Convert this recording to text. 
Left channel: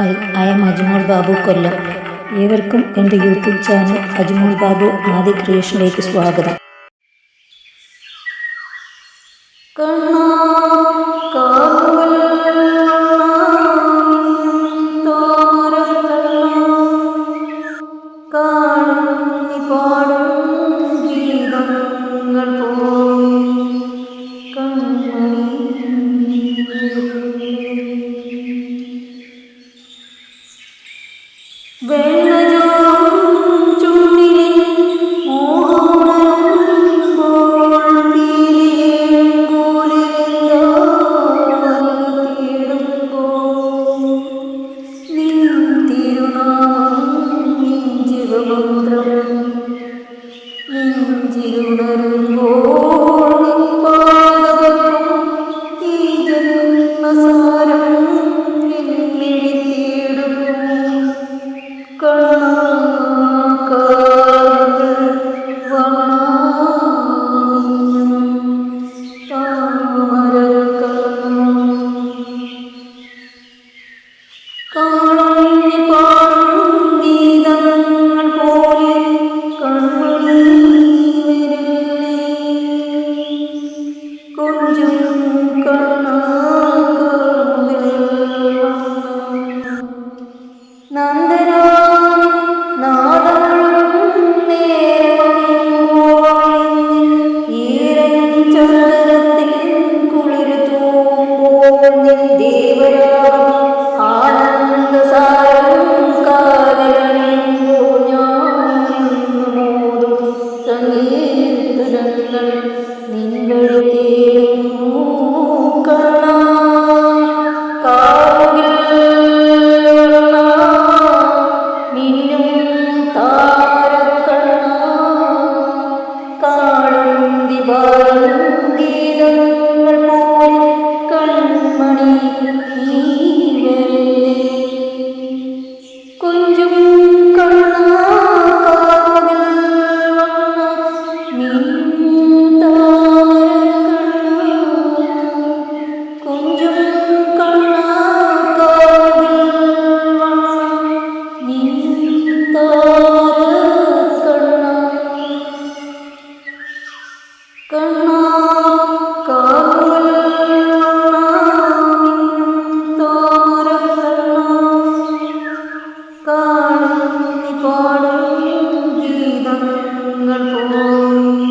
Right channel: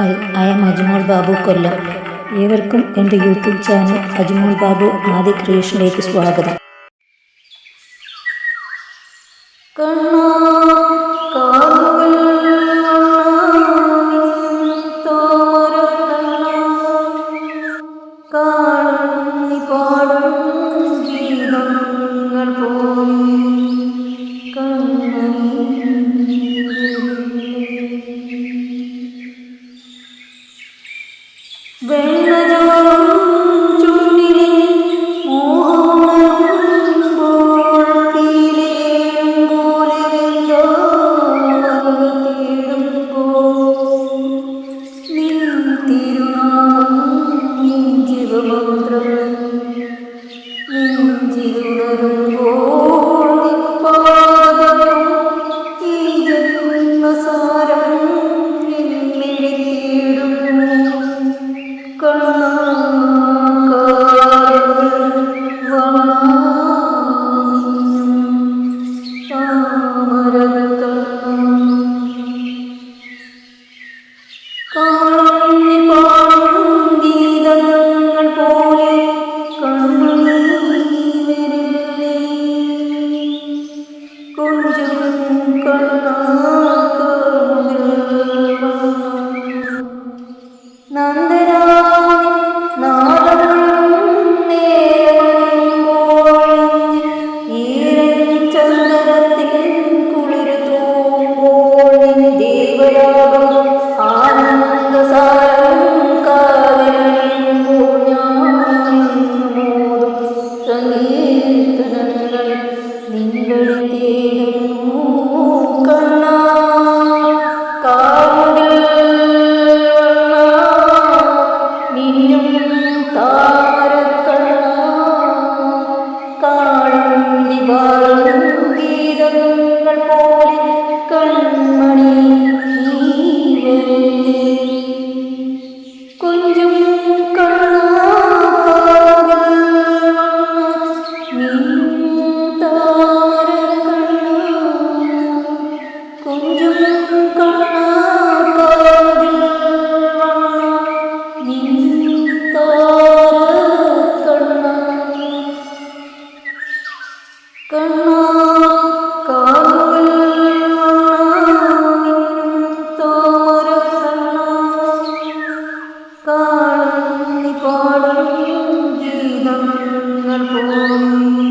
Hi, I M അജ്മോൾ Babu കൊല്ലം. ഏവർക്കും എൻ്റെ YouTube channel അജ്മോൾ Babu ആദി ക്രിയേഷനിലേക്ക് സ്വാഗതം. കണ്ണാ കാർമുകിൽ വണ്ണാ മിന്നും താമരക്കണ്ണാ, കാണും നീ പാടും ഗീതങ്ങൾ പോയി കൺമണി വെള്ളജോറും ചുണ്ടിലിൽ മോഹമുണരുമ്പോൾ പീലിയേഴും കോലിലെന്താവൽ തേടുമ്പോൾ നിൻ തിരുനാമം നിൻ ജീവമന്ത്രം നെഞ്ചിലുണരുമ്പോൾ നിൻ പാദപത്രം ഈ ജന്മസാരം എന്നിഴി തേടുന്നു. കണ്ണാ കാർമുകിൽ വണ്ണാ മിന്നും താമരക്കണ്ണാ, കാണും നീ പാടും ഗീതങ്ങൾ പോലെ കൺമണി വരില്ലേ. കൊഞ്ചും കണ്ണാ കാർമുകിൽ വണ്ണാ, നന്ദനാം നാദമുഴുകും നേരമണിയുമ്പോൾ ഈരൻ ചന്ദനത്തിൽ കുളിരു തൂമ്പോൾ നിൻ ദേവരാഗം ആനന്ദസാരം കാതിലണിയുമ്പോൾ ഞാനിന്നു മോതും സങ്കീർത്തനങ്ങൾ നിൻ വഴി തേടുന്നു. കണ്ണാ കാർമുകിൽ വണ്ണാ മിന്നും താമരക്കണ്ണാ, കാളുന്തി പാടും ഗീതങ്ങൾ പോലെ കൺമണി നീ വരില്ലേ. കൊഞ്ചും കണ്ണാ കാർമുകിൽ വണ്ണാ മിന്നും താമരക്കണ്ണാ, കൊഞ്ചും കണ്ണാ കാർമുകിൽ വണ്ണാ മിന്നും താമരക്കണ്ണാ. കണ്ണാ കാർമുകിൽ വണ്ണാ മിന്നും താമരക്കണ്ണാ, കാണും നീ പാടും ഗീതങ്ങൾ പോയി